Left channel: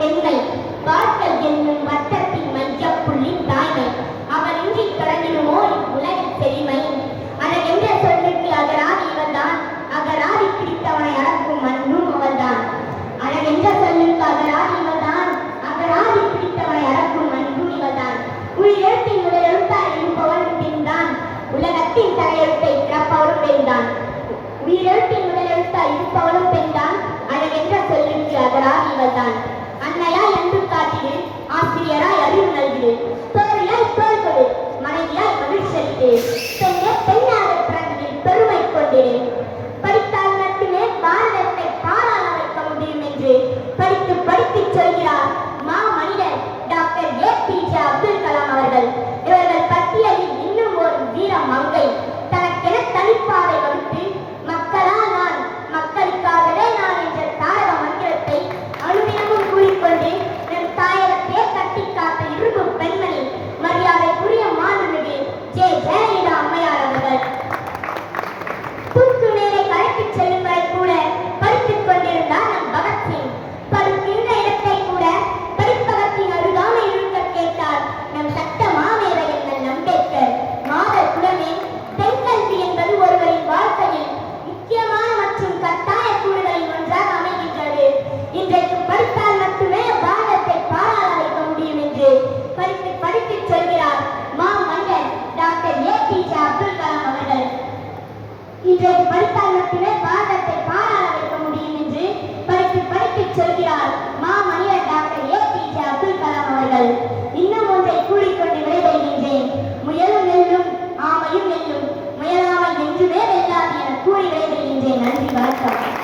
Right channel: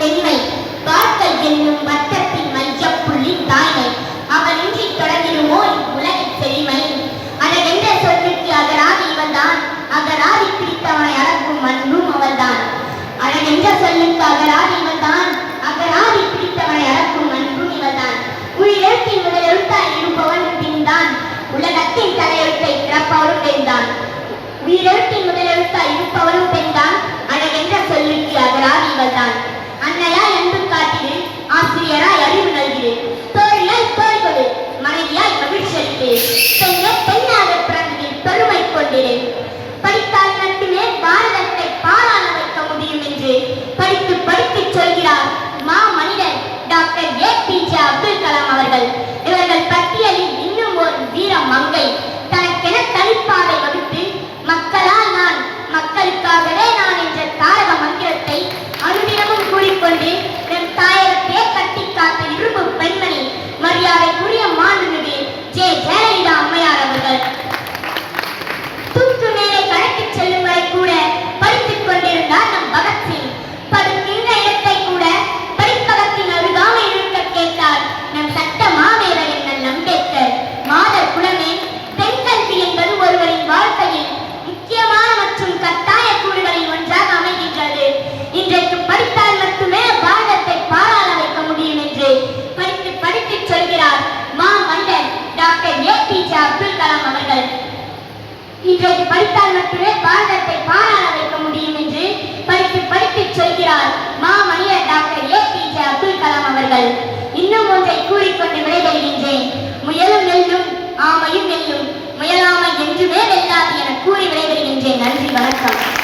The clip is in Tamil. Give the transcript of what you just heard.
பெண்மை. பார்த்தல் என்னும் வட்டத்தின் மையப்புள்ளி தாய்மை. அவனின்றி தொடங்கிடுமோ உலகின் செழுமை அழகென்ற சொல்லுக்கு அகராதி இவன்தான்? அகராதி பிடித்தவனை அளக்கும் அன்பும் அவள்தான் அழகென்ற சொல்லுக்கு அகராதி இவன்தான்? அகராதி பிடித்தவனை அளக்கும் அன்பும் இவள்தான் உயிரெழுத்தின் முதல் எழுத்தாய் இருப்பவன் பின்தான். உலகத்தின் தலையெழுத்தை பிறப்பவரும் பெண்தான் உயிரெழுத்தின் முதல் எழுத்தாய் படித்தால் மட்டுமே பாரதத்தை பாராள வைக்க முடியும் என்று படித்து படித்து சொல்கிறார். இன்றைக்கு படித்தால் மட்டுமே பாரதத்தை பாராள வைக்க முடியும் என்று படித்து படித்து சொல்கிறார் மாமனிதர் doctor A P J Abdul Kalam அவர்கள். இன்னும் ஒன்றை கூறிக்கொண்டு விடைபெறுகின்றேன். முயலும் நெல்லும் ஆமையும் நெல்லும் முயலாமை என்றுமே வெல்லாது என கூறி விடைபெறுகின்றேன். நன்றி வணக்கம்.